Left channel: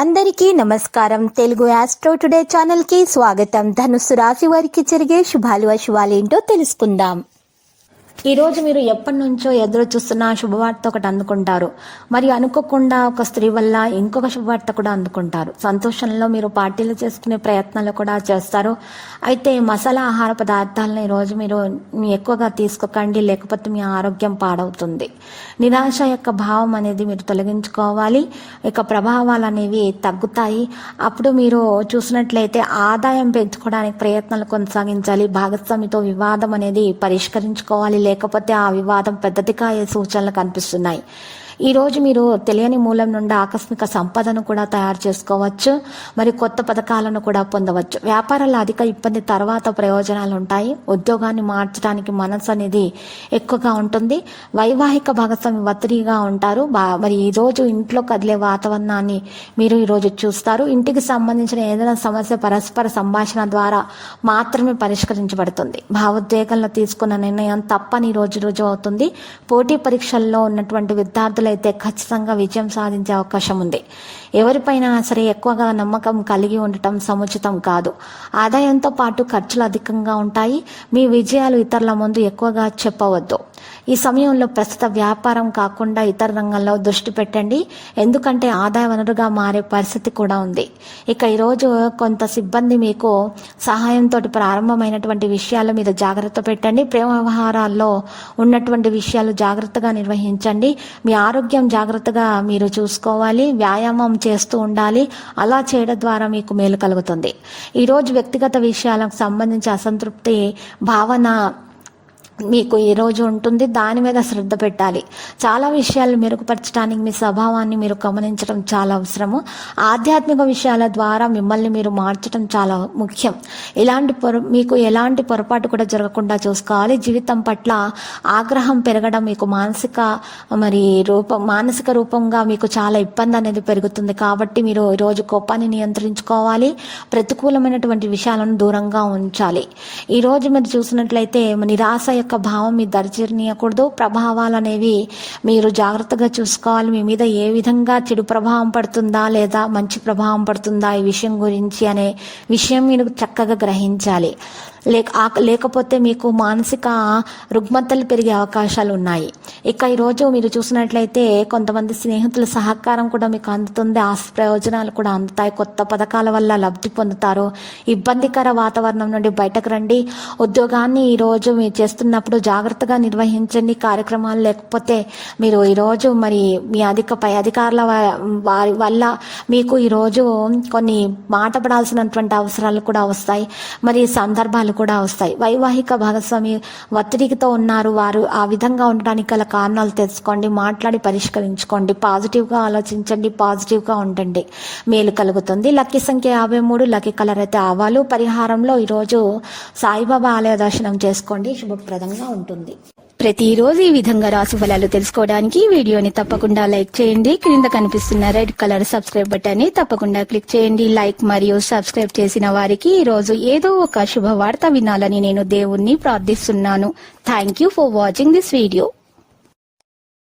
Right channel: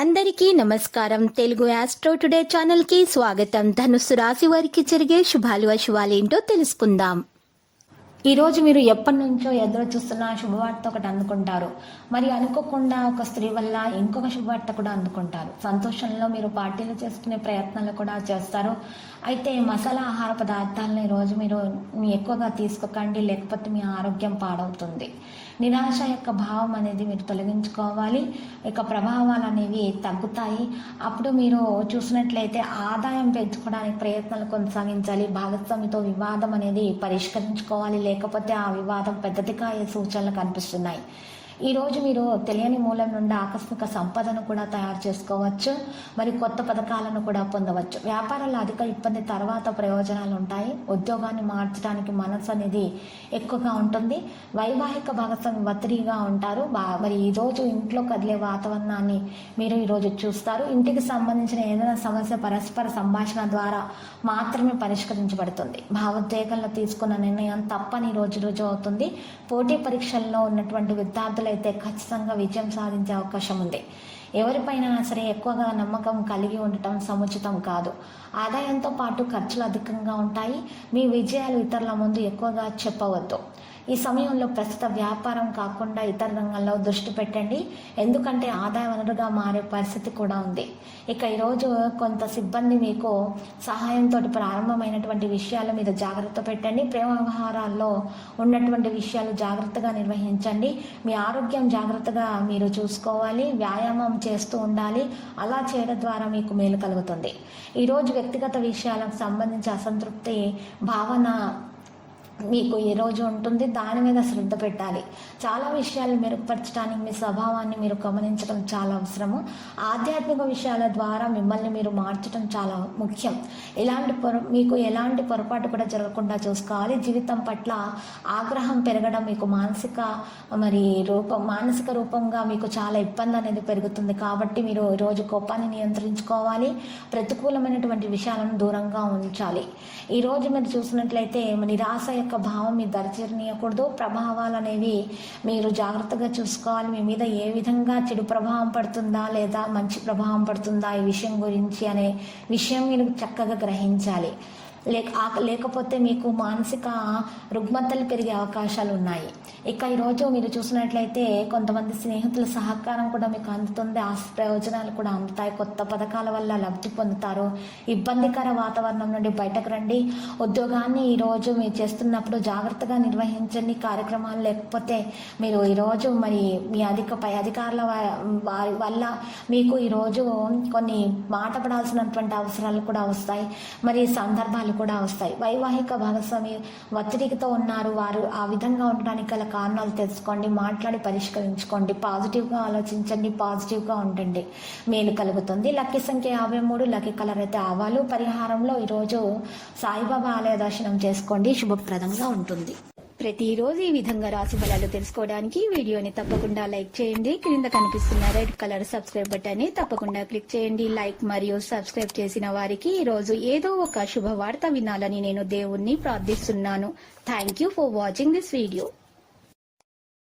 అందరికీ నమస్కారం. Telugu astro today ఛానల్కి స్వాగతం. ధనుస్సు రాశి వారికి జరిగే శుభాలు అశుభాలేంటో తెలుసుకుందాం. ఈరోజు మీరు ఎప్పటి నుంచో ఎదురు చూస్తున్న శుభవార్త ఒకటి అందుకుంటారు. మరి అనుకోకుండా ఒక స్త్రీ వల్ల ఇంకొక శుభవార్త కూడా అందుకుంటారు. సంతోషంలో మీరు పార్టీలు చేసుకునే ప్రయత్నాలు కూడా చేస్తారు. అయితే మసాలా ఆహార పదార్థాలను ఈరోజు మీరు ఎక్కువగా తీసుకోకండి, లేకపోతే మీ ఆరోగ్యం పాడవుతుంది. నిరాశ యొక్క భావం అనేది మీరు తొలగించుకోవాలి. ఇక ప్రభావాలు అనేవి తగ్గుతాయి. అప్పుడు మీరు చూసినట్లయితే ఆదాయం పెంచుకోవడానికి ప్రయత్నాలు కొనసాగించాలి. భాగస్వామితో వివాదం అనేది పరిష్కరించుకోవాలి, లేకపోతే ఆ వివాదం పెద్దదిగా అయ్యే సూచనలు కనిపిస్తున్నాయి. ఈరోజు మీరు తెలియని మూలం నుండి ఆకస్మిక సంపదను కూడా తయారు చేసుకోవచ్చు. మరి కొత్త పథకాలను కూడా పొందవచ్చు. వ్యాపారాల అధిక ఇబ్బంది తర్వాత ప్రయోజనాలు ఉంటాయి. ఉద్యోగాన్ని మార్చడానికి మనసు అనేది ఎక్కువగా ఉంటుంది. వైవాహిక భాగస్వామి ఒత్తిడిగా ఉంటారు. మరి ఈరోజు ఇంట్లో కదిలే వాతావరణాన్ని మీరు ఈరోజు చూస్తారు. ఇంటికి సంబంధించిన ఏదైనా సమస్య పరస్పర సంభాషణ ద్వారా మాత్రమే పరిష్కరించబడుతుంది. భావోద్వేగంలో తీసుకున్న నిర్ణయం తప్పని రోజు అవుతుంది. పోటీ పరీక్షల్లో ఉన్నటువంటి విద్యార్థులు అయితే ఖచ్చితంగా విజయం సాధించే అవకాశం ఉంది. ఎవరిపైనా సరే ఎక్కువగా నమ్మకం కలిగి ఉండటం సముచితం కాదు. ఆదాయంతో పాటు ఖర్చులు అధికంగా ఉంటాయి. మీ విజయాలు ఇతరుల ముందు ఎక్కువగా చెప్పవద్దు. ఈ సమయంలో ప్రస్తుత వ్యాపారం కాకుండా ఇతర రంగంలో దృష్టి పెట్టండి, ఎందుకంటే ఆదాయ వనరుగా మారే పరిస్థితి కూడా ఉంది. ఇక ఈరోజు కొంత సిబ్బంది మీకు సహాయంతో ప్రారంభమైనటువంటి విషయాల మీద జాగ్రత్త పెట్టండి. ప్రేమ వ్యవహారాల్లో ఉన్నటువంటి విషయాలు జాగ్రత్తగా నిర్వహించండి. మీ ఆరోగ్యం జాగ్రత్తగా మీరు చూసుకోవాలి. వ్యాయామం చేస్తూ ఉండాలి. అలా చేయడం ద్వారా మీకు మేలు కలుగుతుంది. ఈరోజు వ్యక్తిగత విషయాలకు సంబంధించి అసంతృప్తి భావన మీకు ఈరోజు ఉంటుంది. దాని మీద శ్రద్ధ పెట్టాలి. చాలా విషయాలు మెరుగుపరచడానికి మీ స్వభావాన్ని మీరు గమనించడం చాలా అవసరము. ఆధ్యాత్మిక విషయాల ద్వారా మిమ్మల్ని మీరు మార్చడం చాలా ముఖ్యం. మీకు ఎలాంటి పొరపాటు కూడా జరగకుండా చూసుకోవాలి. జీవితం పట్ల ఆగ్రహం పెరగడం మీకు మానసిక రూపంగా మీకు చాలా ఇబ్బంది అనేది పెరుగుతుంది. కాబట్టి మీరు ఈరోజు కోపాన్ని నియంత్రించుకోవాలి. ప్రతికూలమైనటువంటి విషయాలను దూరంగా ఉంచాలి. ఈరోజు మీరు చూసినట్లయితే నిరాశ యొక్క భావం మీ దరిచేరనీయకూడదు. ప్రభావాలు అనేవి మీరు జాగ్రత్తగా చూసుకోవాలి. మీ మీద ఏ విధంగా చెడు ప్రభావం పడుతుందా లేదా మంచి ప్రభావం పడుతుందా ఈ విషయం గురించి అనే విషయం మీరు చక్కగా గ్రహించాలి. లేకపోతే మీకు మానసిక రుగ్మతలు పెరిగే అవకాశాలు ఉన్నాయి. ఇక ఈరోజు మీరు చూసినట్లయితే కొంతమంది స్నేహితుల సహకారం కూడా మీకు అందుతుంది. ఆస్తి ప్రయోజనాలు కూడా అందుతాయి. కొత్త పథకాల వల్ల లబ్ధి పొందుతారు. ఇబ్బందికర వాతావరణం నుండి బయటకు రండి. ఉద్యోగాన్ని ఈరోజు మీరు చేస్తున్నప్పుడు జాగ్రత్తగా నిర్వహించండి. కార్యక్రమాలు లేకపోతే మీరు ఈరోజు మరి మీ పై అధికారుల వారి వల్ల మీకు ఈరోజు కొన్ని మాట పడాల్సినటువంటి అవసరాలు కూడా వస్తాయి. మరి సందర్భాలు కూడా వస్తాయి. వైవాహిక భాగస్వామి ఒత్తిడితో ఉన్నారు. వారు ఆ విధంగా ఉండడానికి గల కారణాలు తెలుసుకోండి. మాట్లాడి పరిష్కరించుకోండి. పాజిటివ్గా ఆలోచించండి. పాజిటివ్గా ఉండండి. మేలు కలుగుతుంది. లక్కీ సంఖ్య 53. లక్కీ కలర్ అయితే ఆవాలు. పరిహారంలో ఈరోజు సాయిబాబా ఆలయ దర్శనం చేసుకోండి. శుభప్రదంగా ఉంటుంది. ప్రతిరోజు ఈ విధంగా రాశి ఫలాలు తెలుసుకోవడానికి వీడియోని తప్పకుండా లైక్ చేయండి. క్రింద కనిపిస్తున్న రెడ్ కలర్ సబ్స్క్రైబ్ బటన్ ని తప్పకుండా క్లిక్ చేయండి. లైక్ మరియు సబ్స్క్రైబ్ చేసిన వారికి ఈ రోజు ఏదో ఒక శుభవార్త వినాలని నేను దేవుణ్ణి ప్రార్థిస్తున్నాను. Thank you for watching this video.